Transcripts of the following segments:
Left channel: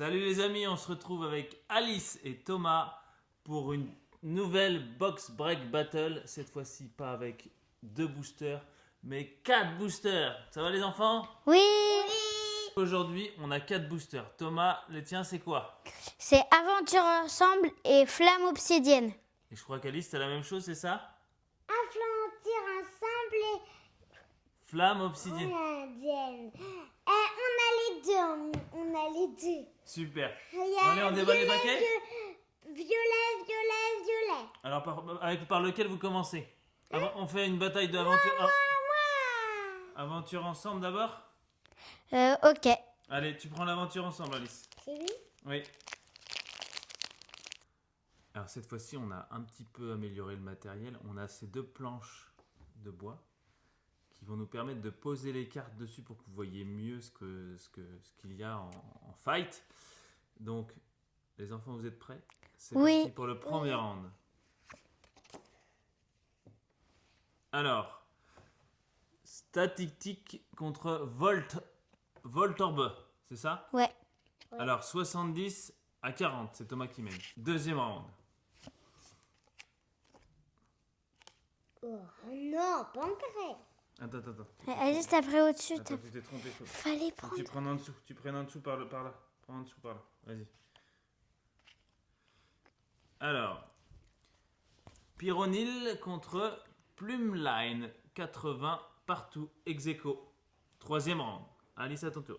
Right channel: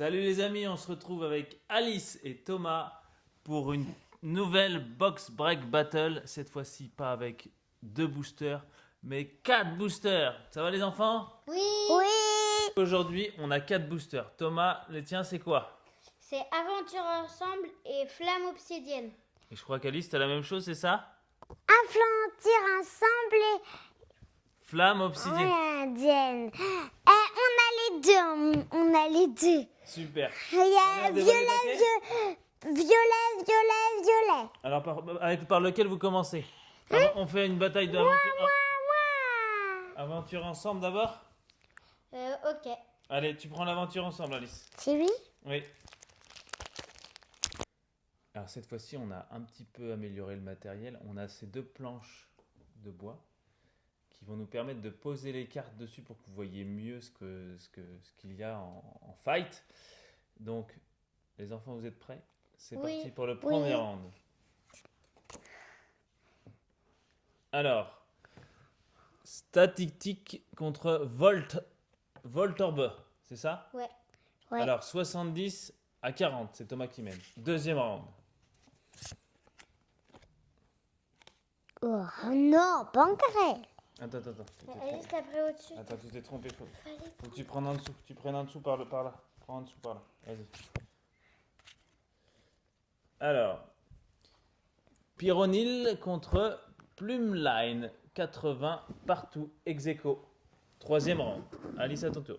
Salut les amis, on se retrouve avec Alice et Thomas pour une nouvelle Box Break Battle. Cette fois-ci pas avec 2 boosters, mais 4 boosters. Ça va les enfants? Oui. Aujourd'hui, on a 4 boosters. Thomas, les tiens, c'est quoi? C'est Aventure Ensemble et Flamme Obsidienne. Et je crois qu'Alice, t'as la même chose, c'est ça? Aventure Ensemble Flamme et obsidienne. on a les deux. Super. Il y a Allez, on dévoile les paquets. violet. Alors, par lequel vous commencez? On fait une bataille d'aventure. Aventure ensemble d'abord? Ok. Allez, tu prends l'aventure ensemble, Alice. C'est lui? Oui. Alors cette fois-ci, on a un petit peu amélioré le matériel. On a ces 2 planches de bois qui vont nous permettre de poser les cartes dessus pour que vous voyez mieux ce qu'il y a en fight. Donc, les enfants, vous êtes prêts? C'est parti pour le premier round. Alors, statique contre Voltorbe, c'est ça? Ouais. Alors, 70 à 40, c'est Thomas qui mène. Deuxième round. Oh non, pas encore. Attends. Juste après au-dessus. Attends, tu t'es trompé. Fallait Faut prendre. que tu prennes en dessous. Tu prennes en dessous par là. Prends en dessous par là. Vas-y. Alors, Pyronil contre Plumeline. 80 partout. Ex aequo. Troisième round. Alice, à ton tour.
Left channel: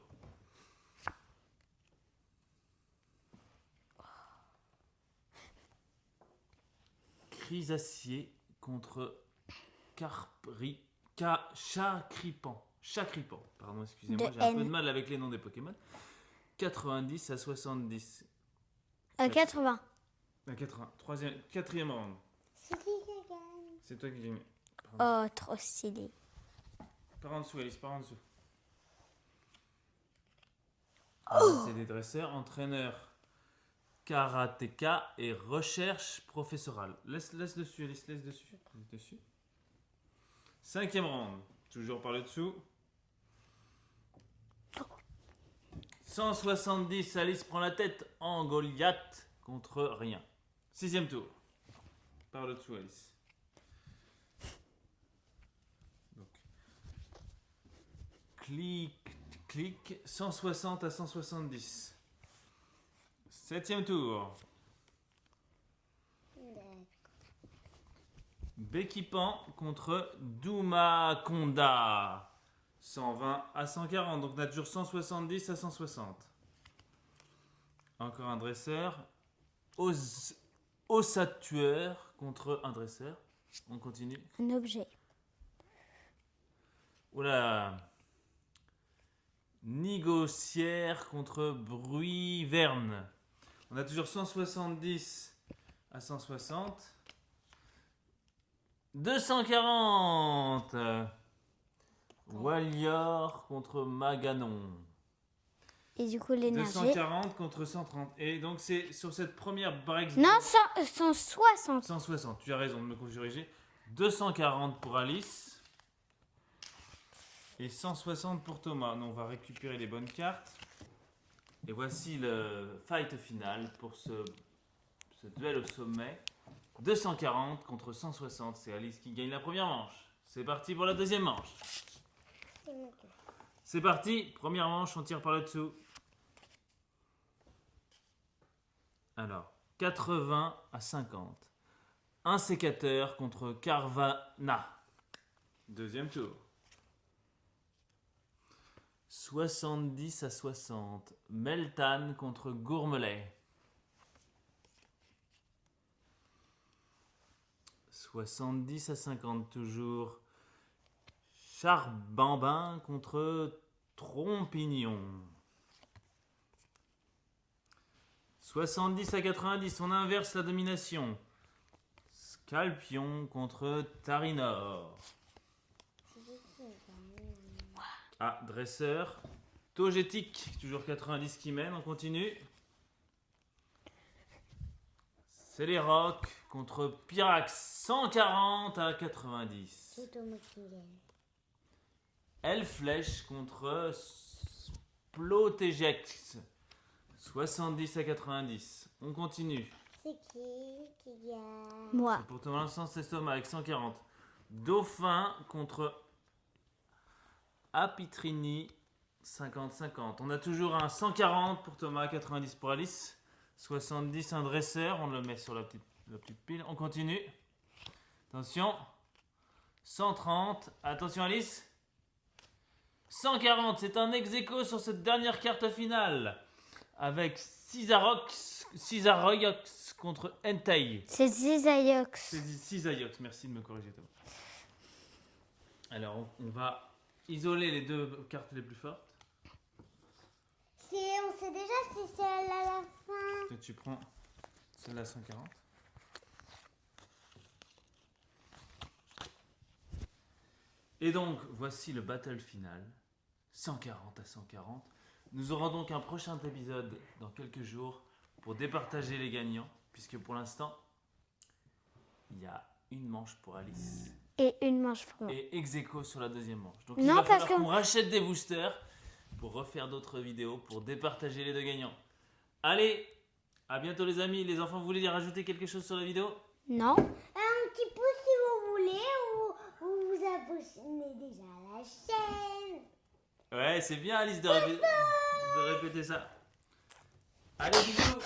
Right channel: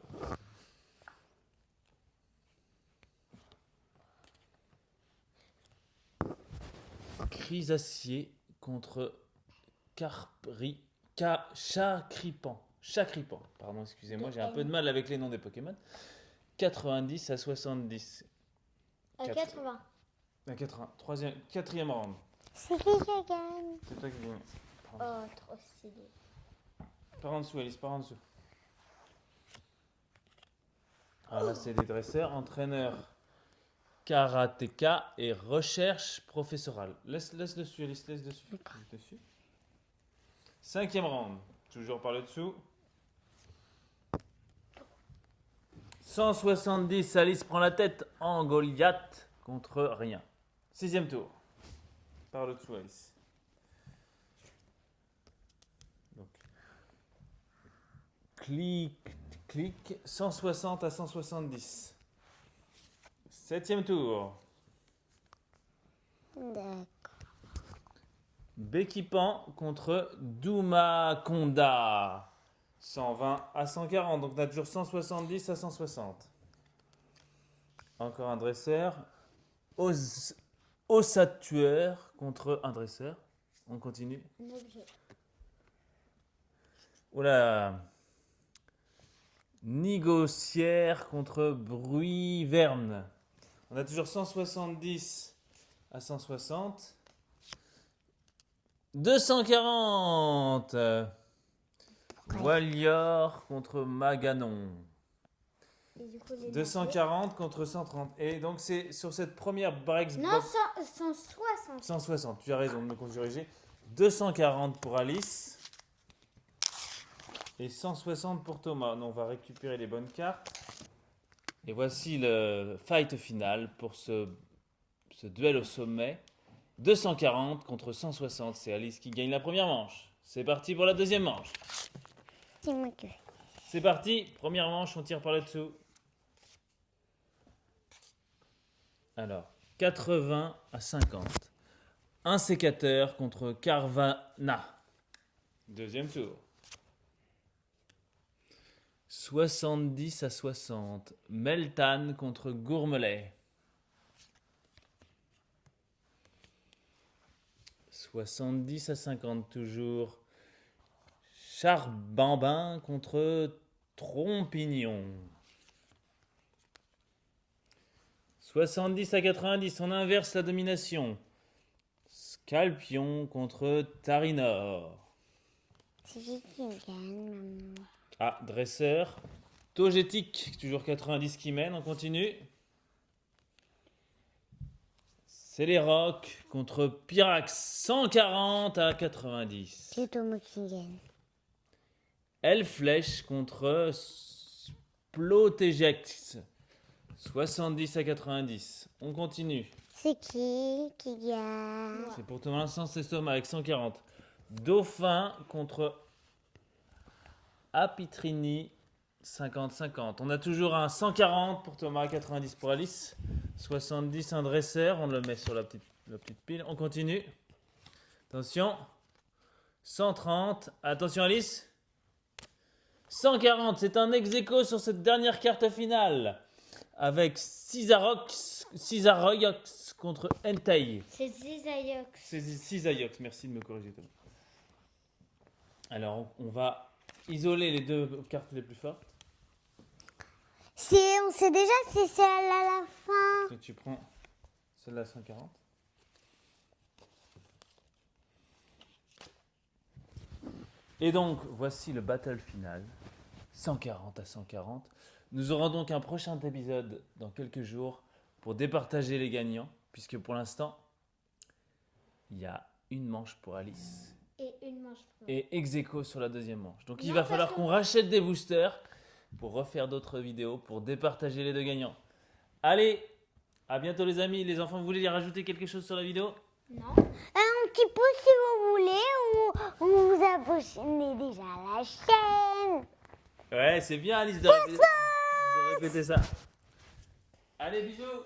Chrysacier contre Chacripan. Pardon, excusez-moi, De j'ai un peu N. de mal avec les noms des Pokémon. 90 à 70. 80. À 80. Quatrième round. C'est qui qui gagne? C'est toi qui gagne. Oh, trop stylé. Par en dessous, Alice, par en dessous. Ah, là, c'est des dresseurs, entraîneurs, karatéka et recherche professorale. Laisse dessus, Alice, laisse dessus. Laisse dessus. Cinquième round. Toujours par le dessous. 170, Alice prend la tête en Goliath contre rien. Sixième tour. Par le dessous, Alice. Donc, clic, 160 à 170. Septième tour. D'accord. Béquipan contre Doumaconda. 120 à 140. Donc on a toujours 170 à 160. Encore un dresseur. Ossatueur contre un dresseur. On continue. Un objet. Oula. Négocière contre Bruit-Verne. On a toujours 170 à 160. 240. Wallior contre Maganon. Et du coup, les 240 contre 130. Et donc c'est sur cette première break. Non, 160. 160. Tu as raison de me corriger. 240 pour Alice. Et 160 pour Thomas. On va récupérer les bonnes cartes. Et voici le fight final pour ce duel au sommet. 240 contre 160. C'est Alice qui gagne la première manche. C'est parti pour la deuxième manche. C'est moi qui. C'est parti. Première manche, on tire par le dessous. Alors, 80 à 50. Un sécateur contre Carvana. Deuxième tour. 70 à 60. Meltan contre Gourmelet. 70 à 50 toujours. Charbambin contre Trompignon. 70 à 90, on inverse la domination. Scalpion contre Tarinor. C'est qui gagne? Ah, dresseur. Togetic, toujours 90 qui mène, on continue. C'est les Rocs contre Pyrax, 140 à 90. C'est Thomas qui gagne. Elle flèche contre Splotegex, 70 à 90. On continue. C'est qui gagne? Moi. C'est pour Thomas Sens Estomac avec 140. Dauphin contre Apitrini 50-50. On a toujours un 140 pour Thomas, 90 pour Alice. 70 un dresseur. On le met sur la petite pile. On continue. Attention. 130. Attention Alice. 140. C'est un ex-aequo sur cette dernière carte finale. Avec Cisarox contre Entei. C'est Zizayox. C'est Cisaiox. Merci de me corriger Thomas. Alors on va isoler les deux cartes les plus fortes. On sait déjà si c'est à la fin. Que tu prends celle-là 140. Et donc, voici le battle final. 140 à 140. Nous aurons donc un prochain épisode dans quelques jours pour départager les gagnants. Puisque pour l'instant, il y a une manche pour Alice. Et une manche pour moi. Et ex-aequo sur la deuxième manche. Donc il Non, va parce falloir que- qu'on rachète des boosters pour refaire d'autres vidéos, pour départager les deux gagnants. Allez, à bientôt les amis. Les enfants, vous voulez rajouter quelque chose sur la vidéo? Non. Un petit pouce si vous voulez, ou vous abonnez déjà à la chaîne. Ouais, c'est bien Alice de répéter ça. Allez, bisous.